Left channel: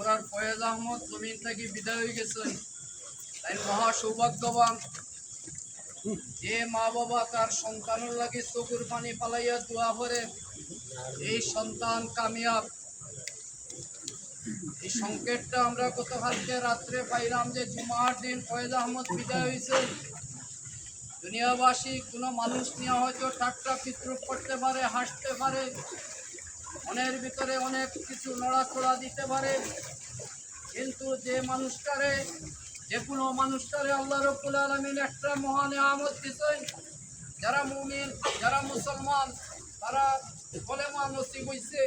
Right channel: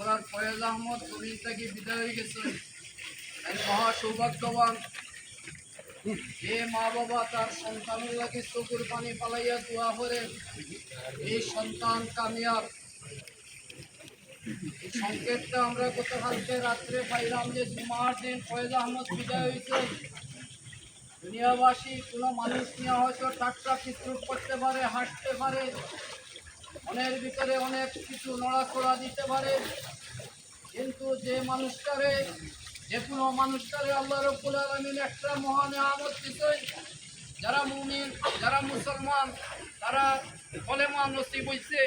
আমরা ফয়েজ আহমদ জমিন থেকে বিদায় হয়ে গেছেন। তাই মহা সৌভাগ্যবান যে মা বাবা তার সন্তানের লাগে চোখের পানি পালাইয়া দোয়া করে এই সন্তান কামিয়াব। এই সংকেতটা আমরা গতকালকে রাত্রে পাইলাম যে জুমার দিন ফয়েজ আহমদ বিদায় হয়েছে। দুনিয়াবাসী কোনো মানুষ নিয়ে হয়তো টাটকা চিত্র করতে পারে, হাসতে পারে, মনের ভিতরে অনেক কিছু নড়াচড়া দিতে পারে, কিন্তু যে মানুষটারে যে কোনো মানুষটারে আল্লাহ রাব্বুল আলামিন একটা মহান নিয়ামত দিতেন। যারা মুমিন, যারা মুসলমান, তারা কলেমা নসিব হইছে।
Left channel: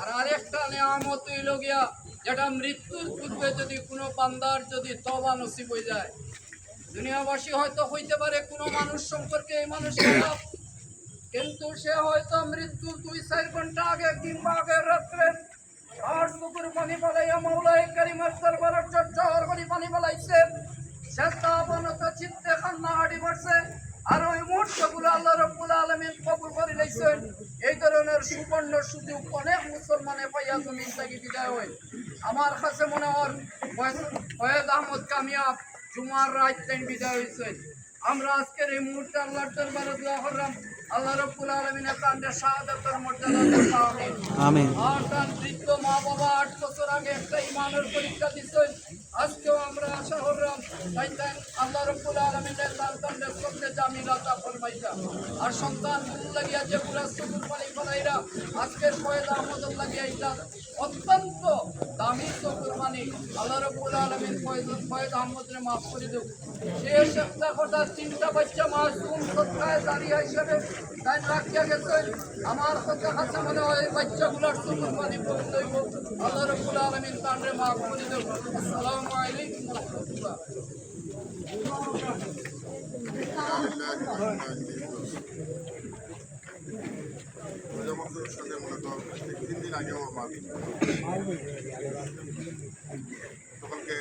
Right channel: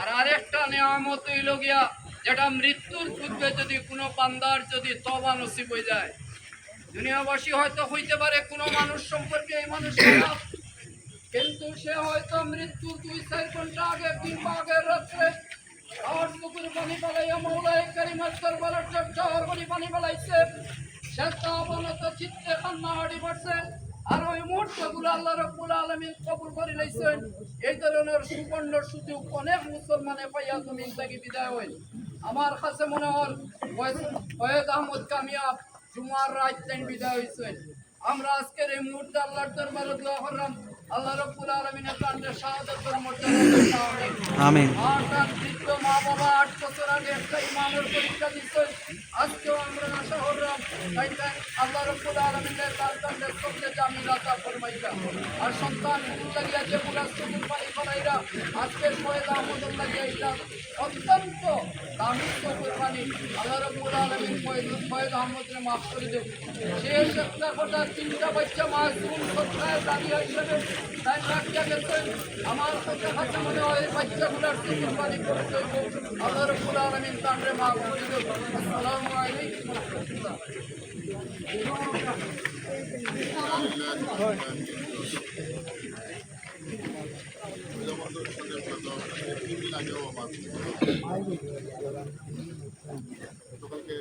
আর আরেকটা নিয়ামত হইল গিয়া যেটা মৃত্যুর পূর্বে যদি কোনো বান্দার যদি তওবা নসিব হয়ে যায়। দুনিয়াবাসী হয়তো হইতে পারে কোনো মানুষ সম্পর্কে এই মানুষ খারাপ, কিন্তু সে হয়তো মৃত্যুর 2-4 ঘন্টা আগে কিংবা আগের রাত্রে আর চোখের পানি পালাইয়া মৌলাই কারিমের দরবারে চর্চার পানি পানি পালাইছে। সে তাবানত চিত্তে কান্না হাঁটি পড়ছে। আর ওই মুহূর্তগুলো আল্লাহ রাব্বুল আলামিন কবুল করে লইছেন। এই ধরনের সুবর্ণ সুযোগ অনেক মুসলমানে পাইয়া জমিন থেকে বিদায় হয়। আমার কাছে মনে হয় ফয়েজ আহমদ কামিয়াব জুমার রাত বিদায় হয়েছে। আমরা আজকের এই মুহূর্তে আল্লাহর দরবারে দোয়া করলাম আল্লাহ রাব্বুল আলামিনের প্রাণে শাহাদাতের মর্যাদা দান। আমিন। আর তার বৃদ্ধ মা বাবা 8 বছর আগে একটা ইমামের পরীক্ষা দিচ্ছেন। আজকেও আমরা আশা করলাম আল্লাহ রাব্বুল আলামিনের সন্তানদের সঙ্গে জামিলা তা ফরমাইয়া। আর সন্তান গুলো লাগিয়া যেগুলা চোখের পানি ফলাইরা আজকের ফয়েজ আহমদের লাগিয়া এটা অত্যন্ত দামি চোখের পানি। আল্লাহ রাব্বুল আলামিন ফয়েজ আহমদের মাফ করে দেব। শেষ একটা কথা 3টা বাচ্চা মাসুম সত্তায় দাঁড়িয়ে হিসেবে তাই রাখিয়া গেছেন। আমার কাছে মনে হয় বাচ্চাগুলার চোখের পানি করে দেব। আল্লাহ রাব্বুল আলামিন তাদের মাফ করে দেব। আসসালামু আলাইকুম ওয়া রাহমাতুল্লাহ। সাথে মূলত 3 দিন আগেও আমার সকালকে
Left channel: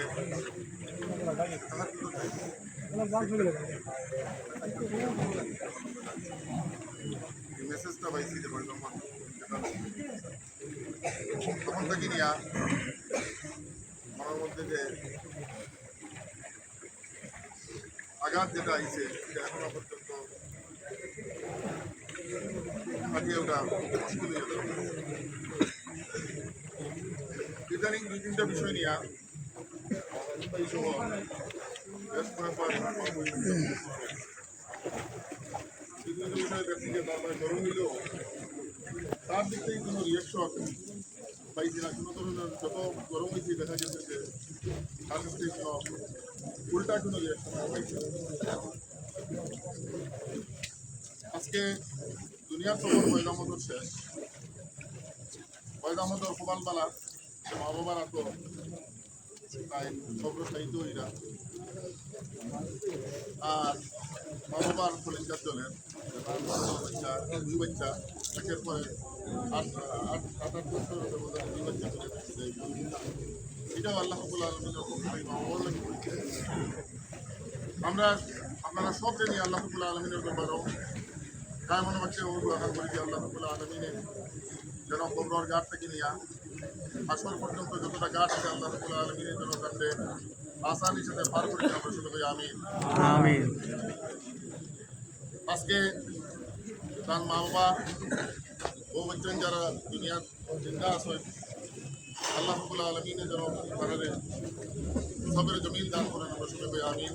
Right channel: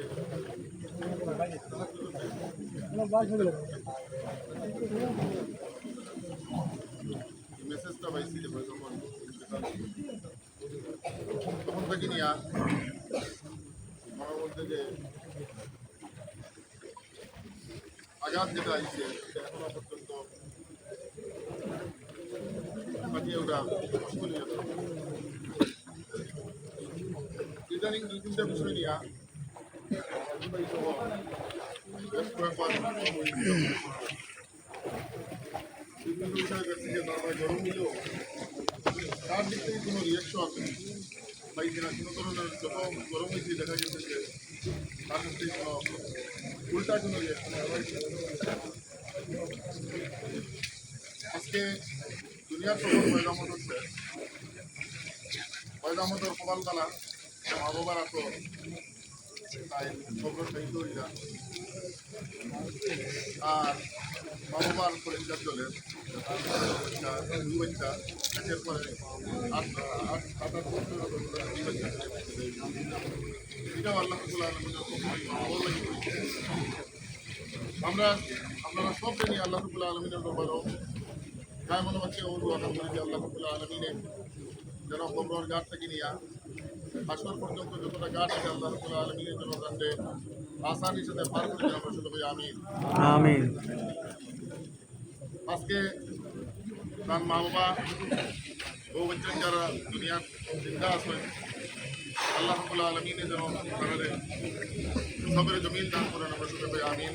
মেসেজটা পাইছি যে তখন থেকে নিয়ে আমার মধ্যে যে আঘাত যেটা আইছে সেটা এখনো পর্যন্ত কাটিয়ে ওটা মুশকিল হয়ে যাবে। ইদানিং 2-3টা বিষয় নিয়ে এই সময় বেশ কয়েকবার বিভিন্ন বিষয়ে দেখছি যে তারা গরম দিলেও তার দিক থেকে কোনো রিয়াকশন পাইছি না। কোনো ধরনের যত গরম হয়েছে দেখা গেছে যে তার কাছ থেকে কোনো উল্টা কোনো রিয়াকশন পাইছে। আজকে দুনিয়ার খবর ফয়েজ আহমদের শেষ। ফয়েজ আহমদের কপালতলা মা বাবার এত তাই খবর চাইতো এরা। আর মা বাবার কলিজার জলের বাচ্চা 2 বাচ্চা একের পরে 8 বছর 2 বাচ্চা এটাও আল্লাহ রাব্বুল আলামিনের মা বাবার লাগে করেছে। আপনারা সবটা নিয়ে আল্লাহ রাব্বুল আলামিনের দরবারেও গায়ে মনে হচ্ছে ও দোয়া করি যে আল্লাহ রাব্বুল আলামিনে যেন কবরের ঘাট থেকে নিয়ে হাসর পর্যন্ত যতটা ঘাট আছে আল্লাহ রাব্বুল আলামিনের জন্য জানতে আসানির সাথে পার করে দিন। আমরা সবাই আমিন আমিন। আজকে তার মা বাবা ও বচ্চন যারা দুনিয়ার জিন্দা আছেন আল্লাহ রাব্বুল আলামিনের জন্য তাদের সবরে জমিন দান করেন। আমরা সবাই আমিন।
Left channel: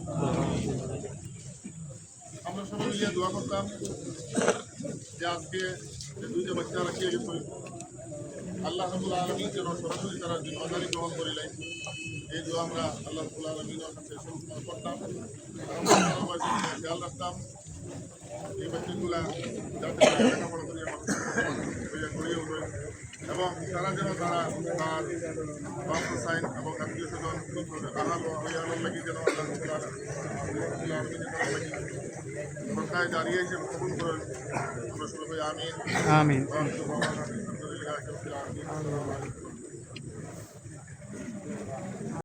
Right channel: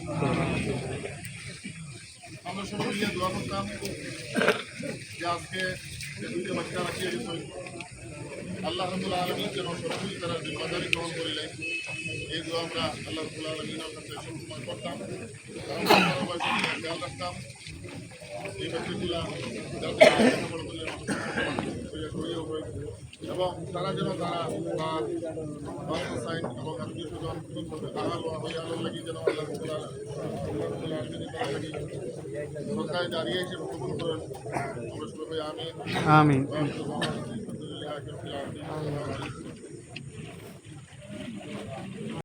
আমরা সবাই মিলে দোয়া করতাম যে আজকে 2টা বাচ্চা রাখিয়ে গেছেন আল্লাহ রাব্বুল আলামিন যেন সরাসরি তারা জিম্মাদারি গ্রহণ করিলেন। এই দোয়া আমরা আল্লাহ রাব্বুল আলামিনের কাছে সবসময় করতাম। খেয়াল রাখতাম এই বাচ্চাগুলা যাতে লেখাপড়া করিয়া মানুষ গড়িয়ে উঠে এবং তারা যেন তারা তার বাচ্চা সাইন এবং আত্মীয় স্বজন আনার লাগি যেন আল্লাহ রাব্বুল আলামিনের তারা লাগি সরকারে দাঁড়িয়ে হিসেবে কবুল করেন। আমরা সবাই আমিন আমিন।